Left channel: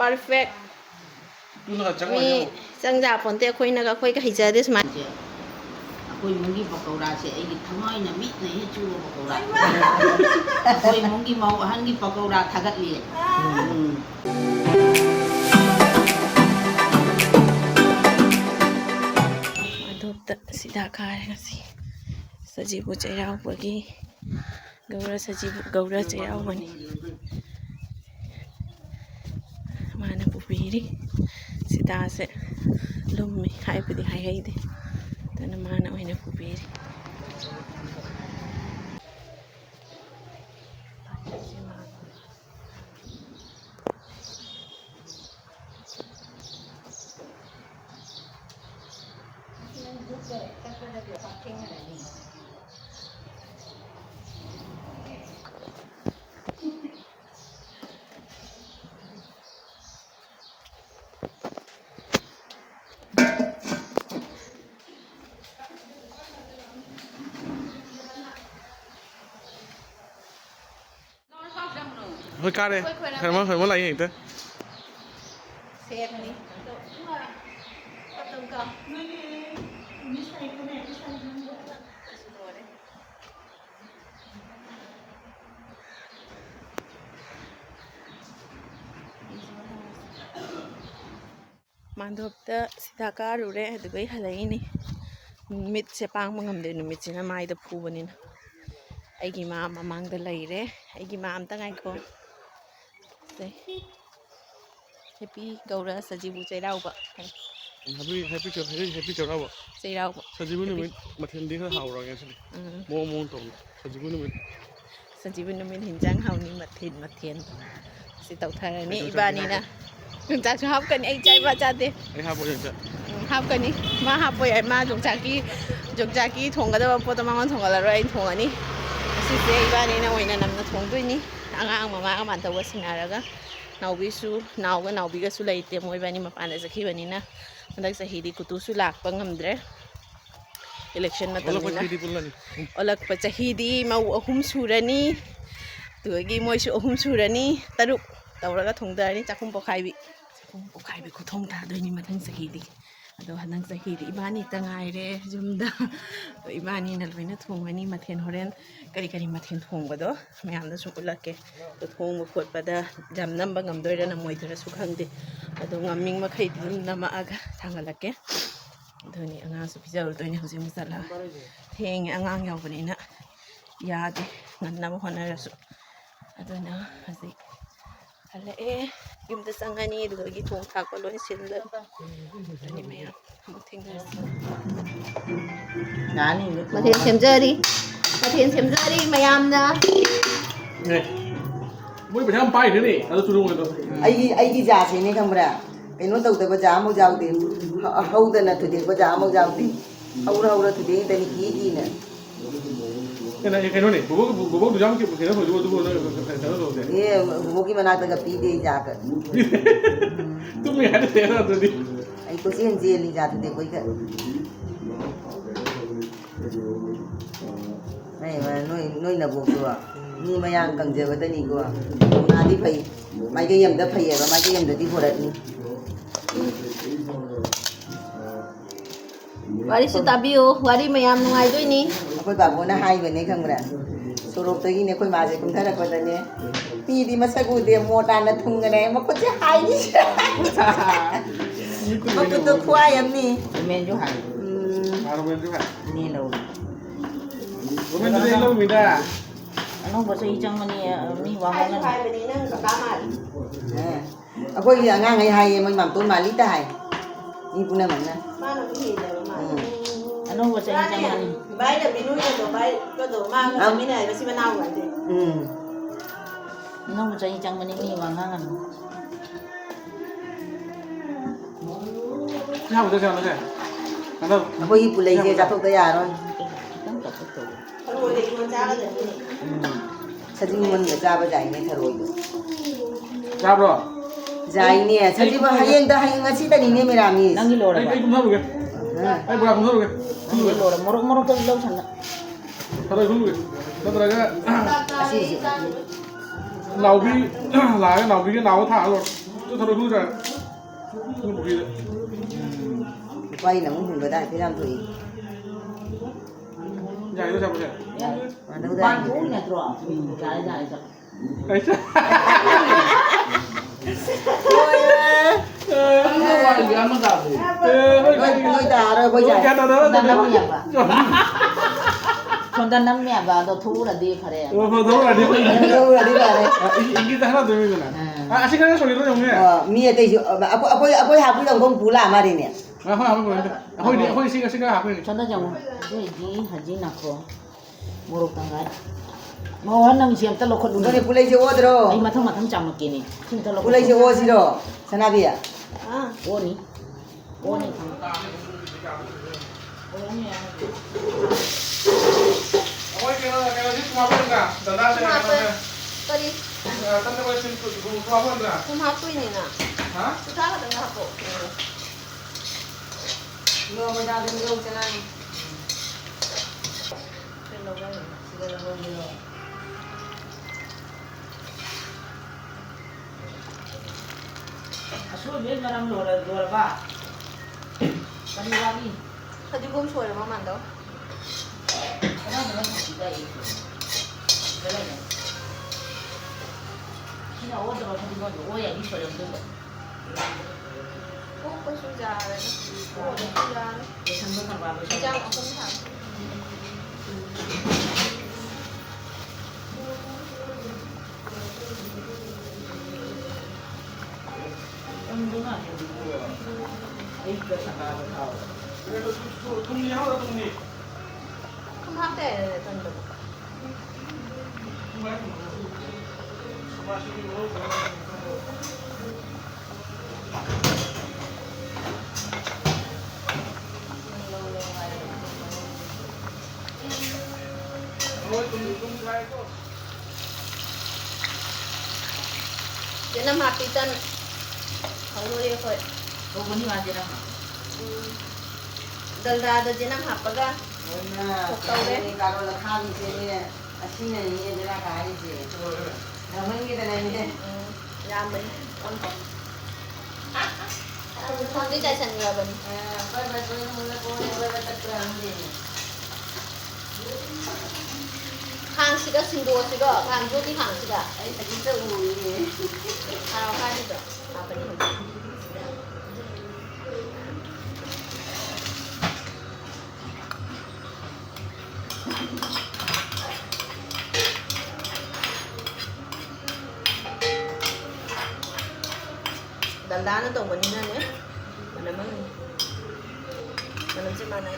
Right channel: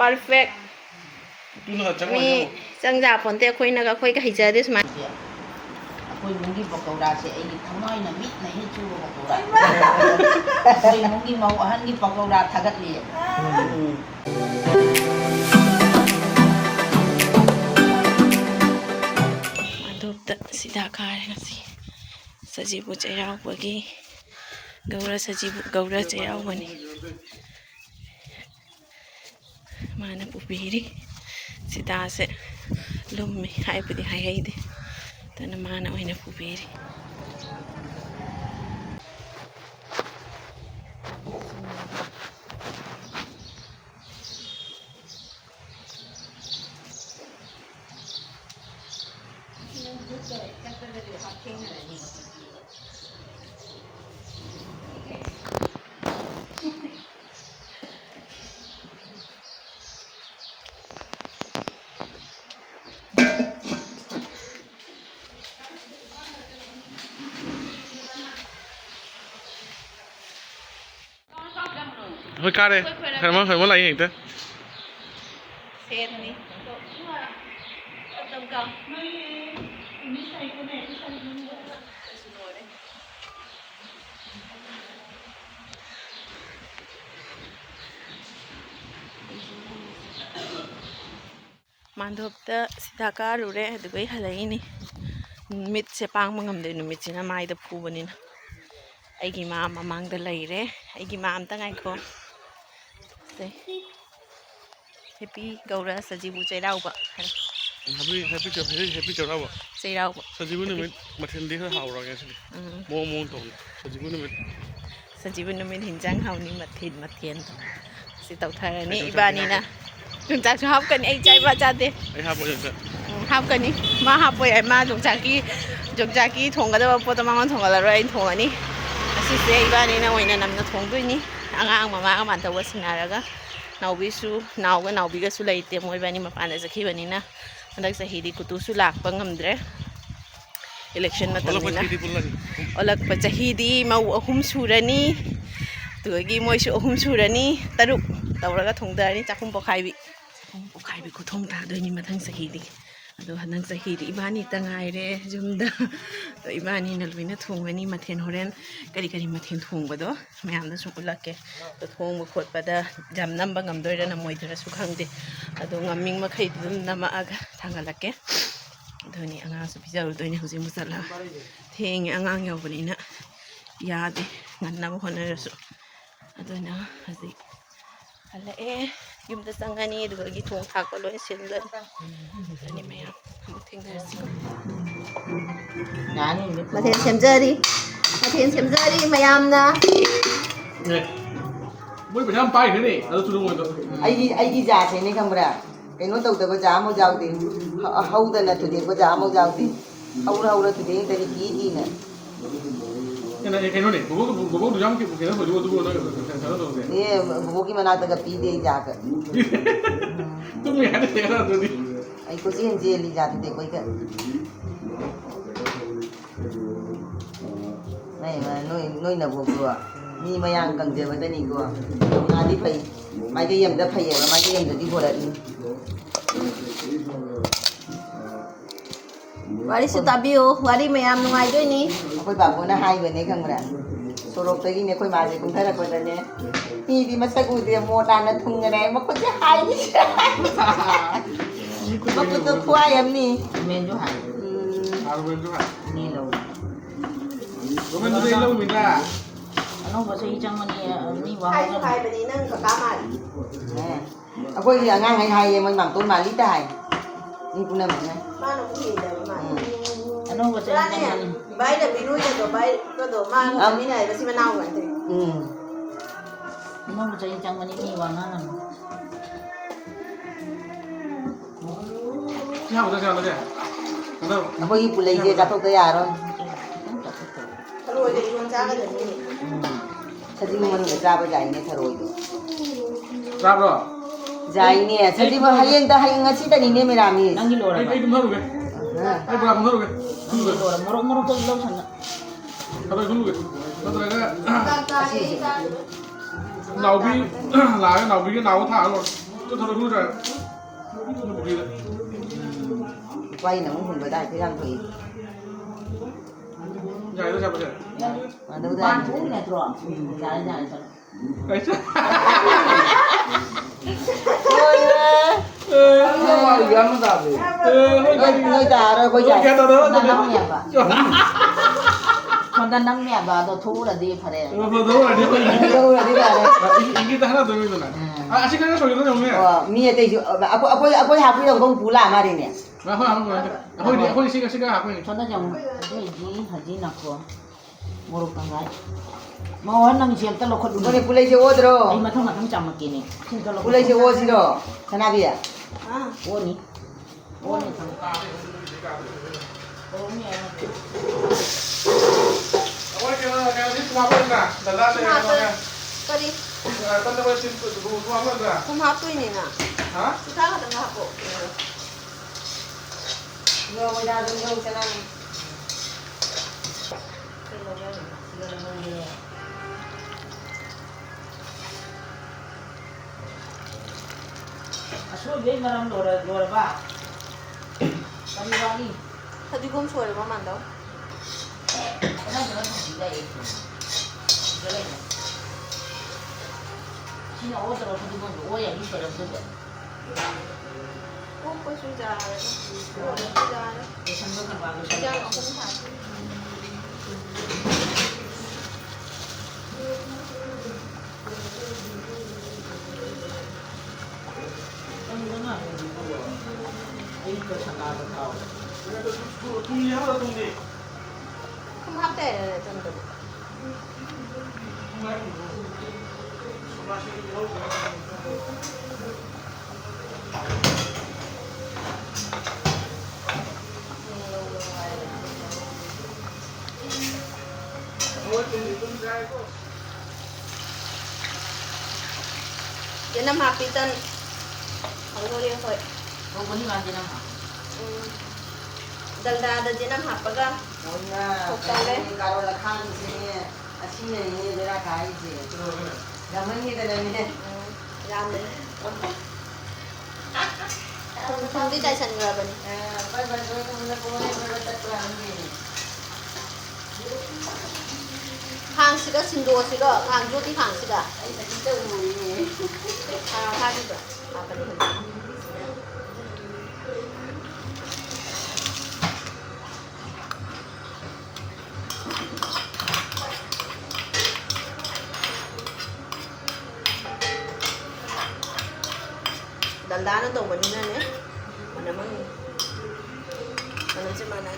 perfect มีจังหวะผลเตะคุยนะก็คุยกับหิจดิสมันคุยมุ้งกี่ปากกาเสียไอ้ที่ทั้งน้อยนะมิดในที่ชูปากกาคุยมุ้งกี่mauหันกี่ปากกาทักกันเลยมาดูแต่สิดาคาร์นะสิสจีบุใจเราเมื่อกี้gawra sajibu gawra saya awani mana pupiri sita se lummi hai pudi hai hai de tana mana oina pupiri hơi ca đây phải muốn lấy hình thế set ni mandopta sidaka rure dugai halai ni mit se pang mangam de numit sina mai da phu banin aigi ma mamang da leire aigi ma am ta ngai ko happy gawra sajibu chairau ba happy chào đâu ạ chairau ba sajibu numit mathen di hau rồi nghe sini mo tong sajibu numit hinjang hau ni mathen si tau thara ni ibani na jungchak chu hap kan ai chai ba cha de ai hap bo hap kan ni ma hap bo ai ma jungchak ki thong ga da po ta mangon thong ga la rai thong ani asi se ibani na oina namna thong doi ni angang mama ka man tawa sinaraga naubisu nauga naubiga su leite moi bani mapana zakhi bani na andak sa hidi kutu su lak pangamdre election matamina olak pa chahidi mau ahum surani tugi moi su ahum surani taruk tawraga thongdani chakum pokhaibi ku thong ta doi ni mathang sahidi ado hanang sahidi ibani tangai re jumda to ibani na loina thongani mathen horen kari mathen thongbado mayam da su ulakke to thongba khotpada jam namba ngamdoira na moidra su khangde ado ngaming makhai dum nama aga thangalakke adoni anga su pijaru doini hoji musala theng angang yawbani na yade nganna ba honara su adona haji hala yumda sangani dugi thong thak ko loi sinlan ani mayam amuk thengdarsi nani mathen semjari mayamna ne moi betham pai ne ni ado chunu moi to ai ja the ne khambra kaino tau ta ko ja mo jaw de hau da na thude ko ja mo jaw de haura thude ta ni ki na cái nó này bố du jam ki cái nó thôi du nó rồi ye bố ki mana ta ga pi de ja ka tu me hade thế nào đi ai ko sin je li ja de ko ka này nuôi là buộc rồi ni mà yang cần giờ với tên này của na đi phải mấy cái yểm đã phải rồi mấy cái yểm đã đi vô đấy wari su tabiu wari mayam nungai doi ni khoi ba bona hai bene khangra sorok tagi ne khoi ma je kun thara ko tane pi di masagu de mota na thung ne ma ko je hai ni ko to khwa yam ni men jo hai men jo hai ni lo men jo lâu mình ta ano ba sa ijang mani mi wa ma hai bani nang ka ka ma khoi ngang hai mình mam tôn ma li ta hai ni kuna man na ma no ni da ma ano ba sa ijang mani bai da binu ya ko bai ko do ma ko mi na ba si ma nau ba te ano ba sa ijang mani mi wa nga nan sao nó xem đâu khoi pulai je ja thok ya rồi rồi để con cha cái gì saji ngon ga ja ba dai ne tharoi do rap rồi jai ne saji ba hayeng da hayeng asi ta ni ne mera mi nang gi lo ra ai cũng thấp rồi Ay, bukan aku dulu. Allora, moro to ilaw sana. Kalau dulu. Ntar aja. Asih. Naubi, lah naubi cái nấu thả luôn. Tôi thôi dulu rồi. Ini begini. Quay nó cũng phải đại thế làm thủy. Nhà itu siapa sih? Mà đâu ra. Ban phú nhà trọ. Dài sana. Aisyah. Ôi. Ôi ta rồi bây giờ. Cái đó đó. Kontan nam niya ba? Kontan nam niya ba? To thu là đi phare. Betul lah dia. Đâu là đi vào đây. Ini kita lah tuh itu nah. Asik kan soal itu nyamnya. Mie tây aku học cái ông phú làm mà đi nè. Aku di sini aku ini. Chonda jang haji nakro. Moro tangai. Mau nang siam ta lo khot Cái này phụ lấy cho rồi. Ai mathang cham ma kini. Sin ta lo. Phụ lấy cho gì rồi. Sana bia. Wo ni thang. Aku kayak ini ngapain enggak? Dan ada yang Tadi, tante mesin apa enggak? kamu hapus ini nak? Hah? Sudah ada nggak hapus? Nó mới ra đúng không Sana. Asu le maram lora ba. Kani wali. Tadi gom soal mana mandau? Kenapa tidak itu? Sini awak terlalu penting. Oh ya bisa yang tu. Oh, kau sudah ada. Oh, sudah ada. Jangan aku tak. Kamu apa tante? Jadi nama hapitan, kalau dia kau Kau ni macam mana? dalda ada jenam hapaga. Ona. Ini kalau lah kami sini ni. Asing ni ni dia nak kaya je. Zaman kita ni. Ramai. Không biết đại sản người bận. Bye bye bye tak kurang ni. Hàng xí đó xin đồ xí đó, hàng vô đi hàng xí đó. Ai tak kita umur ni. Hàng hàng đi đó. Apa ni? Dandanan daw kanina no? Ano naman? Ano si Manay?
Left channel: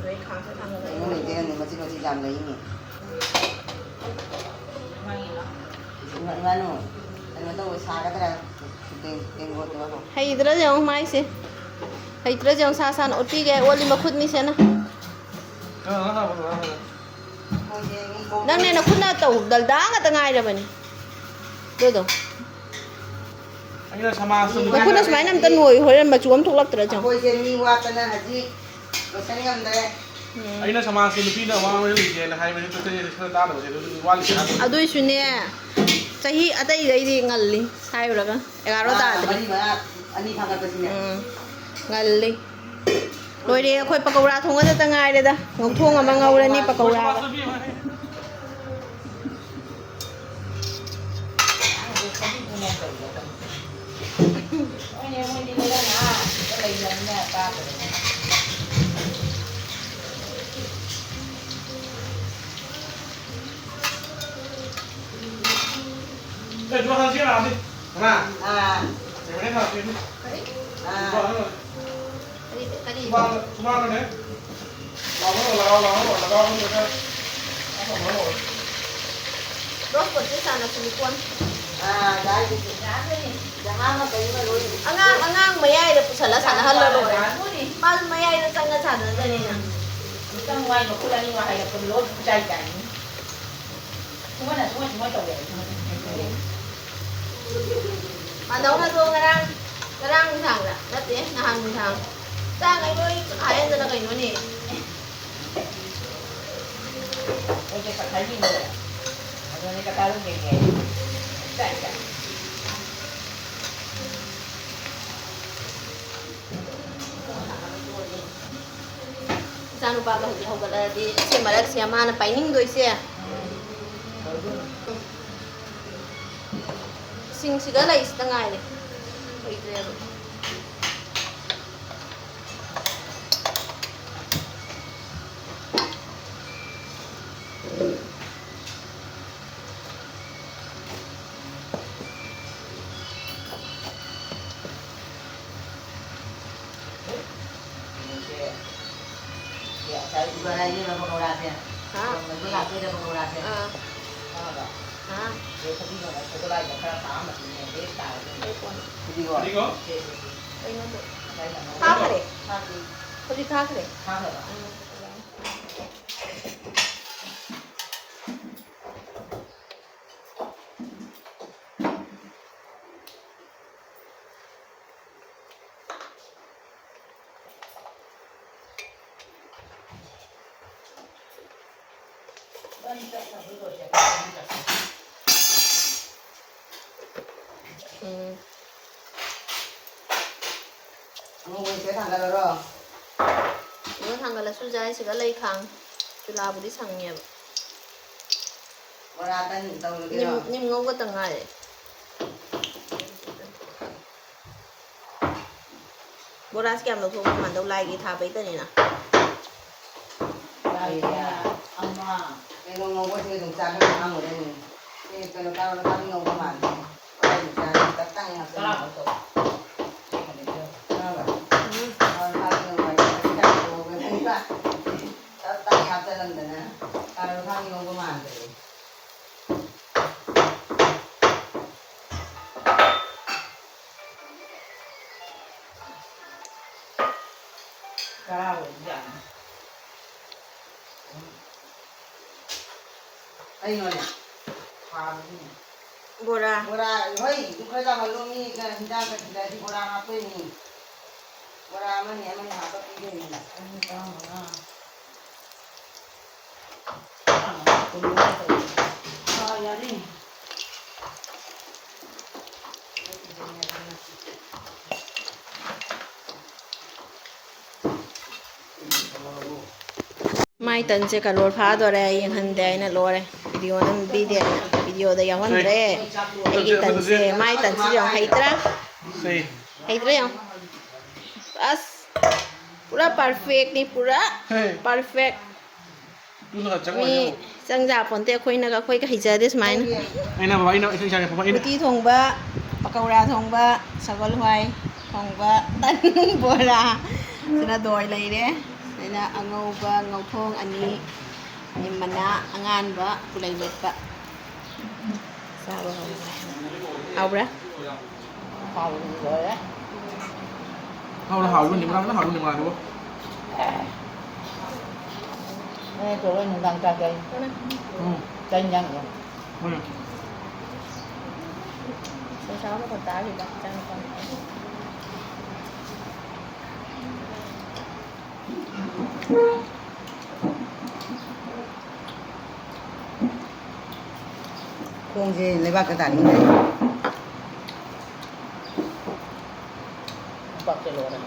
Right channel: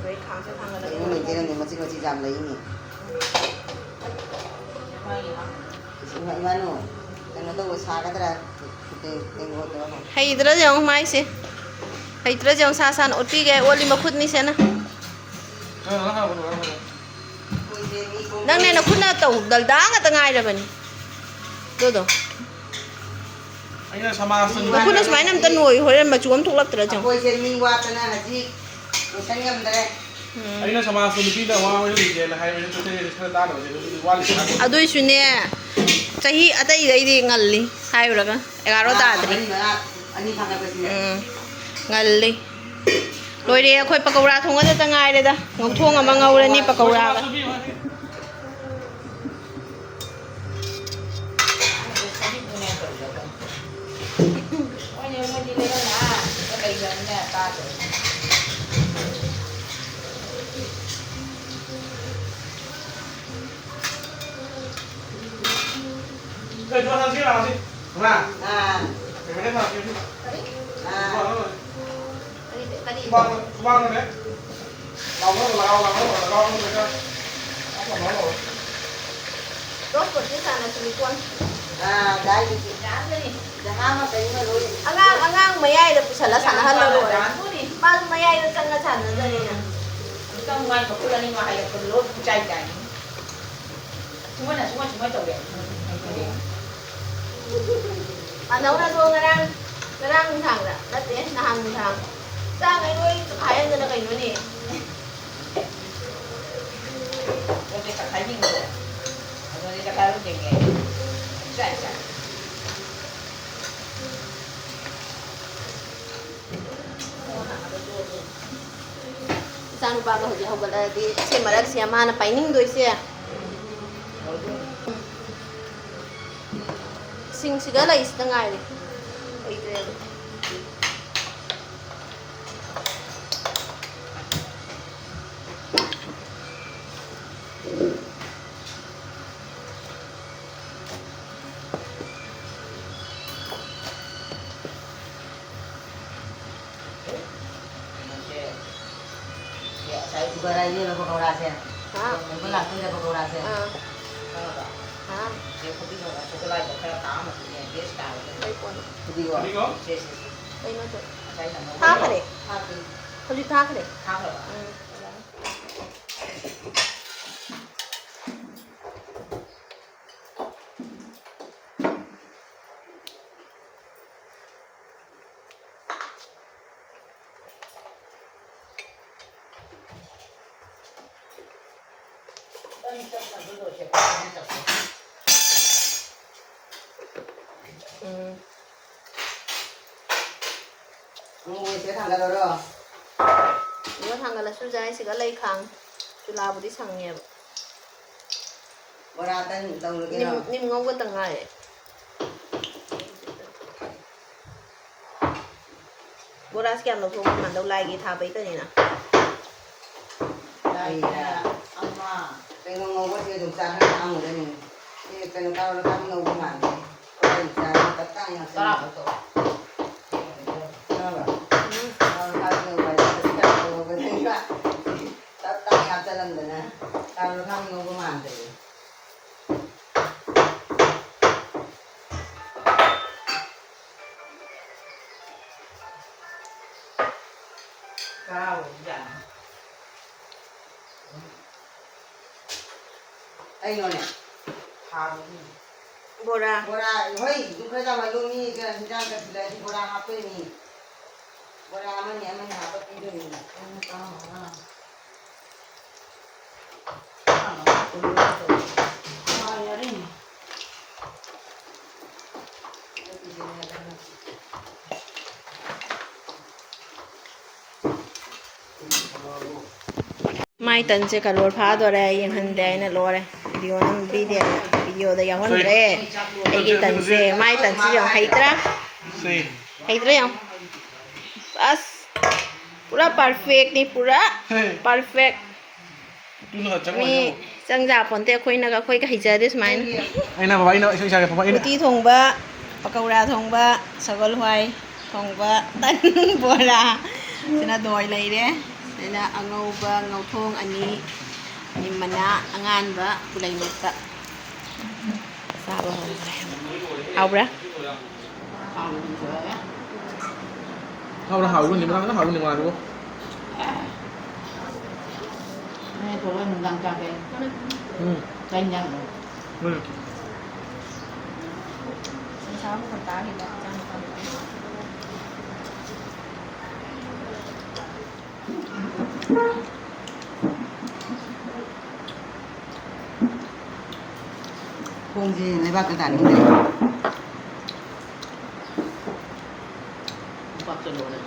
Wait, hang sa hang Ini ni dia ni masih jam lagi ni. Ngano. Ano to usaha ka tara. Tengok tu apa. Hay idra jong mai si. Hay idra jong sasan oti ge oli makhut ni se na. Nang ne na khut na tau dalda nga tangai ra bani. Do. Anh là sama sun. Makhut na smai nam tan noi horen ma chuam thuk lak tra jong. Koi seni wa tana haji. Usan ngam dare. Anh là sama sun pin là hoa với gì là hai bên tôi thấy là ta rồi thì tôi quan lý. Adui su ne. Chahi atai dai di ngalli. Hai ura ka. 11 ta adri. Ani phaga kasi. Ngalli. Loi re khoi pakawra thonga da tangai re da. Ngau thong ama ngaura ni pakawra ka. Cái chỗ thằng kia nào đi. Đúng không? Ah. Để mà đến nào kia đi. Ah. Tadi. Ba rồi đấy. Lòng nó không được cái. Lòng nó rồi. Dos pot ni sana sumikuan. Ah, dai. Jangan no kayo na loy. Angang mayay da pusala sana hallo lo. Ba mayay da tanga sana da ni na. Ikaw ngoài mà cô đang ngoài là con lốt trai cảnh. Chúng nó trầu đẹp. Mà nấu na to nga lang. Ngân hàng thẳng ạ, đất đấy, là hàng thẳng. Ra cái đôi khái lên ra là cái nó nè. Cái cả thái bình rồi. Rồi cái cả lúc nghề. Chạy chạy. Sang lupa kalau dia hogal di semalam siapa na painin do isi. Sing segala setengah ini. Itu ya. Saya juga lagi lah pekora saya. Ha. Nanti lagi ada pekora saya. Ha. Dia pergi ke setelah dia kena tamat dia sekarang. Ay kon. Pergi gua. Pergi gua? Ay no to. Saya nak. Tha kare. Tapi Hoji tha kare. kau tak. Ngồi sẽ thằng nào rồi. Iwa tanggal sujai segala ikhang. Chula budi sangnya. Beratan tahu lagi no. Nim ngau ko tengah eh. Boras kiam lo thong man dau lai gi tha bai ta ni na. Đây là ông mà cái ngông có thể dùng sang cái ăn ở đây này. Cái cái tao nó tao ngông có màn. Đây là tất cả nhà sẽ làm tốt. Đây mà này. Bora. Bora, hoi, duka sama lumi ke hijau ke tidak di bora apa ini? Bora mana ni? Mana apa ini? Mai tan se kalor pha do re yang han de na lo re. Video da yang han re. Ai gi tan se mai tan se yang haitra. Sí. Haitra yang. Bas. Pura perfect ni pura. Hey. Perfect. Tú nó trắng ngoài Mi chang ja pon te khoi na ga khoi ka hija this mine. anh nào vậy nào anh sai cái phòng anh Uti thong ba, pakawra thong ba, sagol hwai thong ba, tan bora. Sina doi lai re. Sina angau ba ngau thong ani ni mana angan ba pulai met ba. Sa ba hong ba. Au bra. không nó hậu luôn nhưng mà nó hậu luôn nhưng mà đúng không Đây cô ấy mình đang cho cái tranh nhân rồi. ừ. Sa mo kon ta hi ba chang kon. Không gì lấy bác cái tản. Bác cái đó này.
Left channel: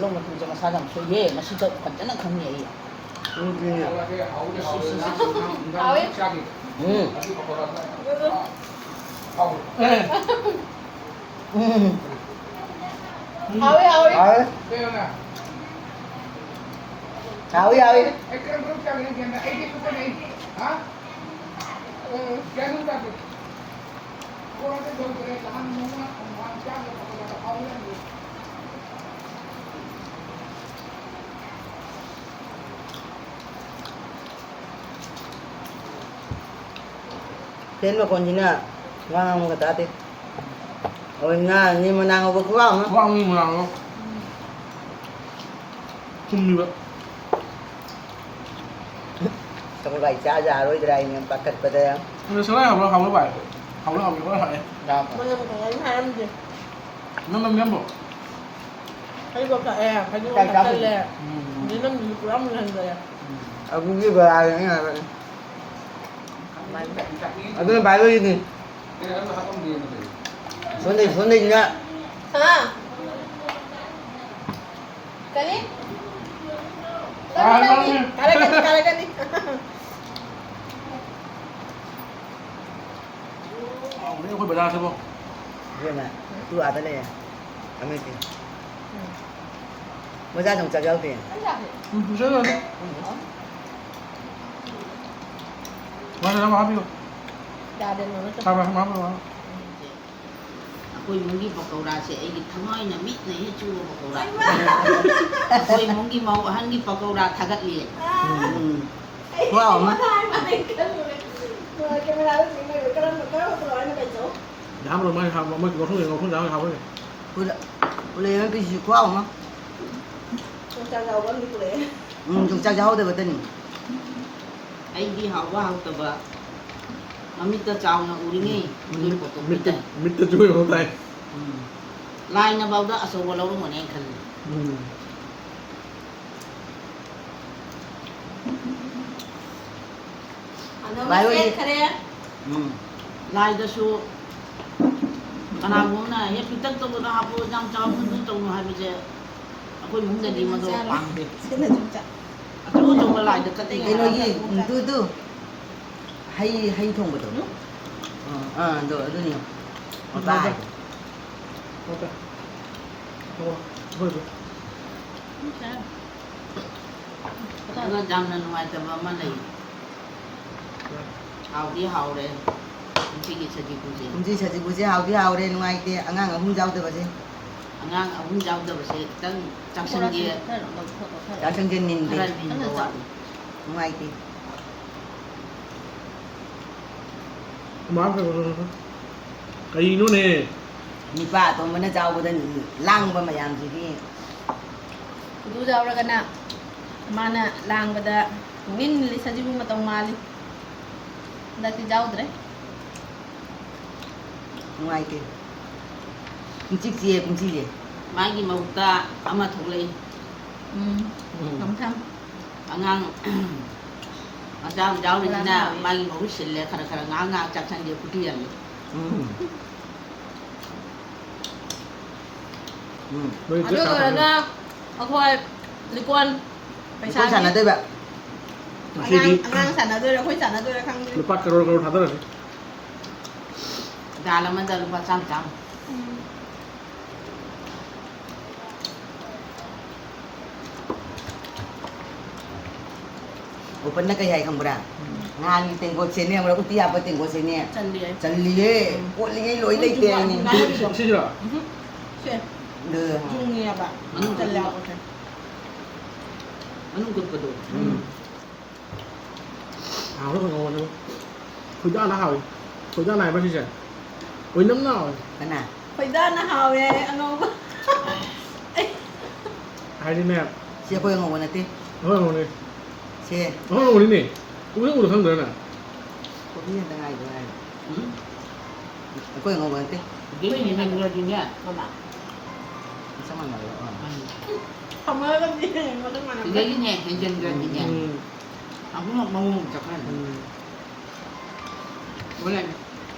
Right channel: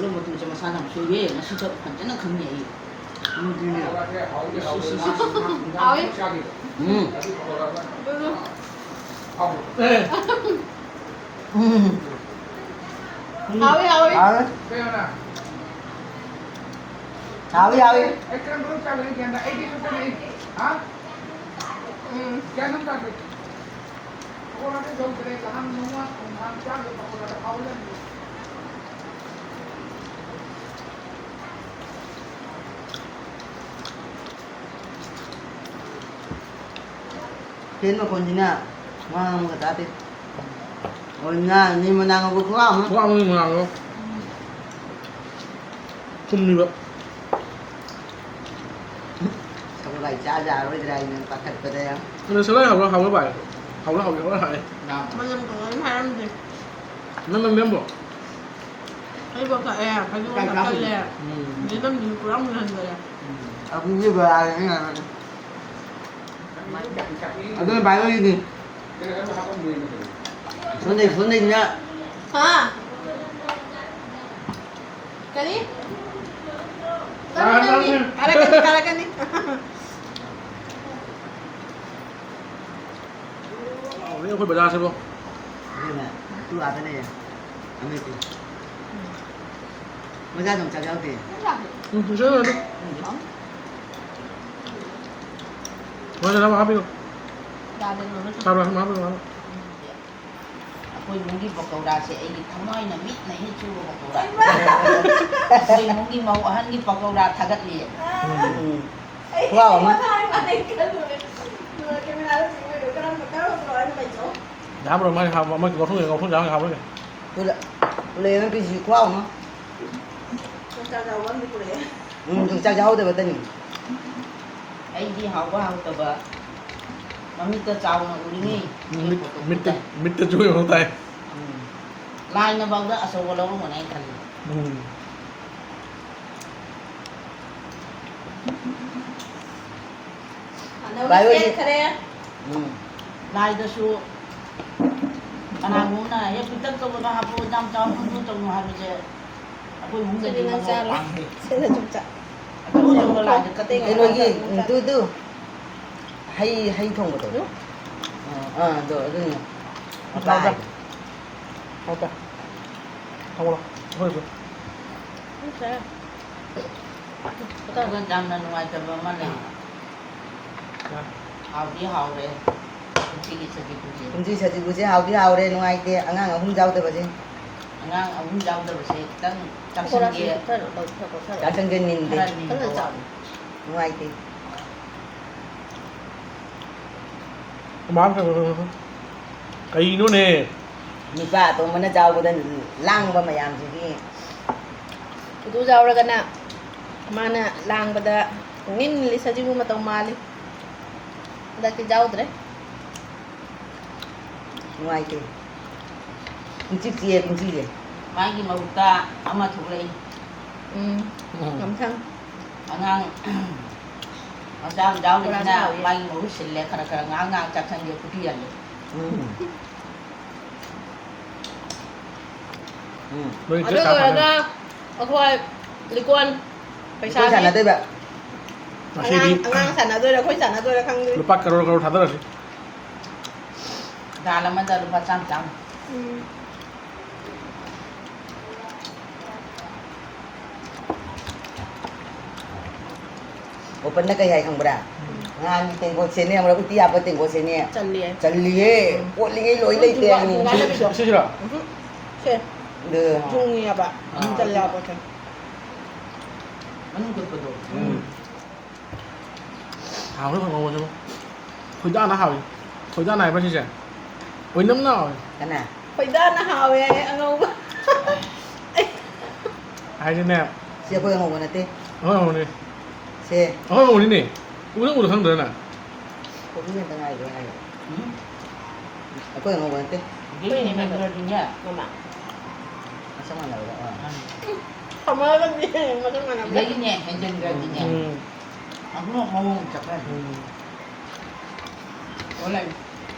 Lúc mà chúng ta sang làm suy nghĩ, nó sẽ phần chất nó không nhẹ. Hoi hoi. Đến mà còn gì nè, ngang người ta đi. Ôi nga, nhưng mà nàng ở vực vào có ăn nhưng mà nào không không nữa Xong rồi cha già rồi đây nè, bạc thật vào đây. nó sẽ lấy hậu nó bài hậu nó lại Mà làm có hai năm gì? นั่นมันเลี้ยงบ่ Hay bọc cả e, hay bọc cả cây nè. Đến nó nhiều lắm hơn rồi. Ông như vừa là cái là ông cái bài cái gì xuống đình nhá Hả? Cái đi. Cái đi. Ini aku beda sih, Bu. cái này tu à cái này anh ấy tiền mới ra trong chợ giao tiền Bisa lah tu. Mana nama habis tu? Dạ được rồi. Sabar, maaf, maaf. Aku mau pergi pakai udah sih, ini thamai na mit na ini cuma pakai udah. Aku mau pergi mau ahan pergi pakai udah thagat lihat. wow mà Dah belum main hal, mau kau tu yang kau tu jangan hal ni. lấy cái gì wow mà trong chợ giao tiền bên Ai đi học quá học tập vợ. Nó mit cái chào nó uri ni, ini foto kita. Minta juga yang tay. Lain na bawda aso wala mo na kan. Bài ơi. Lain da su ana mo na ya pitan to na hapo jam jam mo to mo ha bije. Aku mo jadi magawang. Xin là chúng ta. Aku to mo lain dekat cái nói gì tu hay thông một tổ rồi cái gì bài Okay. Kamu, thôi chứ. Aku jam na nuai ta ba man nei. Hau đi hau đấy. Kunci ki saji kunci. cũng chỉ sẽ chỉ hào đi hào đây ngoài kia anh ngang không giao được vậy Angang abun jauh dah bersih. Tang tak sendiri. cả chân trên mình đi Karan min bawa. ngoài kia Maaf ya. Kayak ini nih. mình ba tụi mình nó giao của tên lăng và mày làm gì đi Itu jauh lah kena. Mana lang pada ngin li saji mo matong mali. Dati jauh dre. ngoài kia cũng chỉ gì cũng chỉ gì Mai di mau ta amat hulai. Ngắm thăng. Angang macam jauh ni na mai mau sille kara ngang cak sang dia putihan. Rồi Ở đây rồi ra. Ở thôi. Đi quân. Phải có sản là đây bạn Masih di. Ang sana doon ako sana doon kang doon. Lupa kalau satu sih. Dalam anda lupa sam. open na kaya không bra ngan tên của sen này mà nó tiap apa tên của sen này Cham liye. chân liye bộ liye lối đây tiền này Sini lah. Che. được Jung niya ba? Chal liya ko che. Anong gusto do? Hào nó không ngon đâu. Khối đa nó hào. Khối đa này bao nhiêu tiền? Với nấm nào? cái nào Hoy da na haw eh. Ano ba? Hai đi nè. xe quay ngồi này tên Không đi. xe Không đi nè. Udah udah kan nè. cũng như tầng ngày rồi này quay ngồi này tên Gini ni negara dunia. Mama. sao mà nào Kamala kan din. Maganda Tiga gini, hanjam gajinya. Aku mau cakap. Boleh.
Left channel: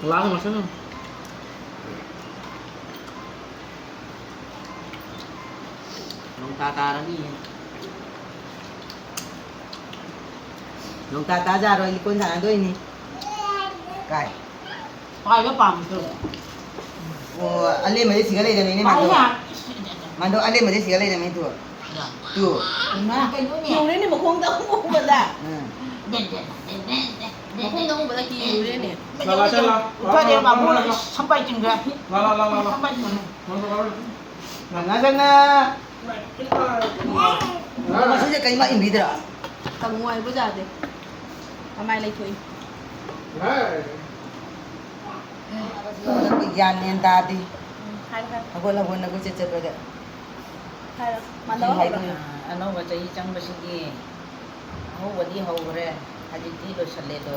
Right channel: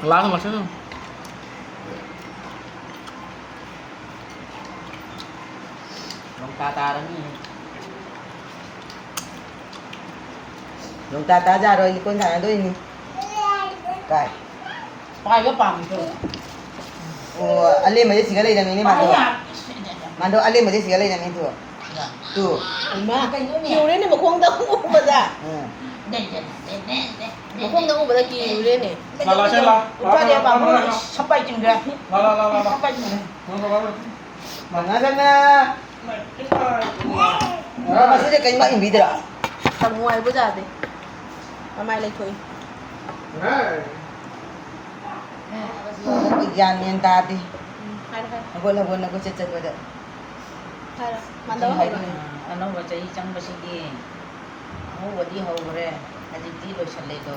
Lang masih tu. Long tata ni. chúng ta ra rồi con thằng tôi nhỉ cái Pakai ke pam tu. anh lên mấy cái này là mình mà thôi Banyak. mà đâu anh lên mấy cái này là mình thôi Ya. tu Ma. Yung rin ni makong daw mo ba da? Makong daw mo ba da ki yung rin eh. Salah salah. Upah dia babu sampai tinggal. Lah. Sampai tinggal. mà ngã chân mà sẽ cái mạng gì đó Tang ngoài ba da de. Mamay lay toy. cái gian nhân ta đi Hay ka. ako lang wala ko chat ko da Hay. Mandaw hay ba? Ano ba cai chang ba sige. Ho wadi ho re. Haji ti lo challe do.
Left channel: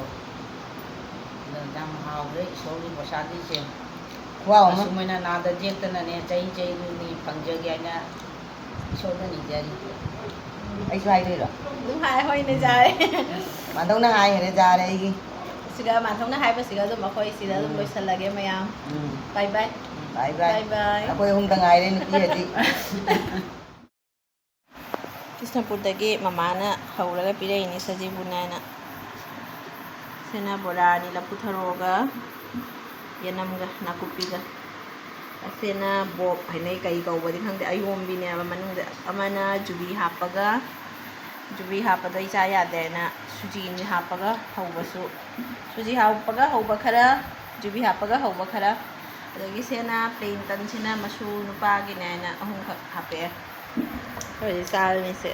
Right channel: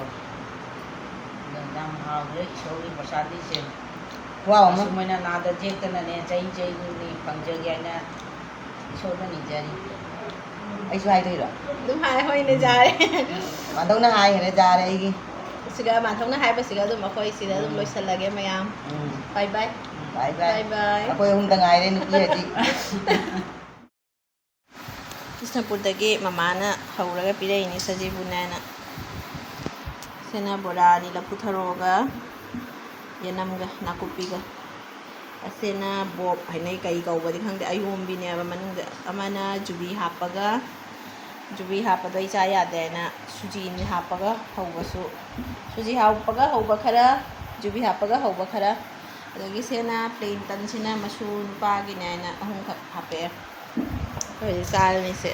Jam ha re soli basadi se. ꯈꯨꯍꯥꯎ ꯑꯃ ꯃꯣꯏꯅ ꯅꯥꯗ ꯌꯦꯛꯇꯅꯅꯦ ꯆꯍꯤ ꯐꯪꯖꯒꯦ ꯍꯥꯏꯅ ꯏꯁꯣꯔꯗ ꯅꯤꯖꯔꯤ ꯑꯩꯁꯨ ꯍꯥꯏꯗꯣꯏꯔꯣ ꯑꯗꯨꯝ ꯍꯥꯏ ꯍꯣꯏꯅꯦ ꯖꯥꯔꯦ ꯃꯥꯟꯗꯧꯅ ꯍꯥꯏꯈ꯭ꯔꯦ ꯖꯥꯔꯦ ꯑꯩꯒꯤ ꯁꯤꯒ ꯃꯥꯊꯧꯅ ꯍꯥꯏꯕꯁꯤꯒ ꯑꯗꯨꯝ ꯑꯩꯈꯣꯏ ꯁꯤꯗ ꯑꯗꯨꯝ ꯂꯣꯏꯁꯤꯜꯂꯒꯦ ꯃꯌꯥꯝ ꯕꯥꯏ ꯕꯥꯏ ꯕꯥꯏ ꯕꯥꯏ ꯕꯥꯏ ꯕꯥꯏ ꯑꯩꯈꯣꯏ ꯑꯍꯨꯝꯗ ꯉꯥꯏꯔꯦ ꯅꯨꯄꯤ ꯍꯧꯖꯤꯛ ꯕꯤꯁꯅꯨꯄꯨꯔꯗꯒꯤ ꯃꯃꯥꯅ ꯍꯧꯔꯒ ꯄꯤꯔꯛꯏꯅꯤ ꯁꯖꯤꯕꯨꯅꯦꯅ ꯁꯤꯅ ꯕꯣꯔꯥꯅꯤ ꯂꯐꯨ ꯊꯔꯣꯒ ꯌꯦꯅꯝꯒ ꯅꯥꯀꯨꯞꯄꯤꯒ ꯑꯁꯤꯅ ꯕꯣꯞ ꯍꯥꯏꯅꯩ ꯀꯩ ꯀꯧꯕꯗꯤ ꯈꯪꯗꯦ ꯑꯌꯣꯝꯕꯤꯅꯦꯕ ꯃꯅꯨꯡꯗ ꯑꯃꯅ ꯖꯨꯕꯤ ꯍꯥꯞꯄꯒ ꯖꯨꯕꯤ ꯍꯥꯞꯄꯗꯣ ꯏꯆꯥ ꯌꯥꯗꯦꯅ ꯁꯨꯖꯤ ꯍꯥꯞꯄꯒ ꯍꯧꯕꯁꯨ ꯁꯨꯖꯤ ꯍꯥꯞꯄꯒ ꯍꯧꯕ ꯈꯔ ꯖꯨꯕꯤ ꯍꯥꯞꯄꯒ ꯍꯧꯕ ꯈꯔ ꯑꯗꯒꯤ ꯁꯤꯅ ꯄ꯭ꯂꯦꯟ ꯇꯟꯁꯤꯅ ꯃꯁꯨ ꯅꯨꯄꯥꯒꯤꯅꯦꯅ 3 ꯈꯛ ꯍꯥꯞꯄꯛꯑꯦ ꯍꯧꯖꯤꯛ ꯆꯥꯔꯅꯤꯁꯦ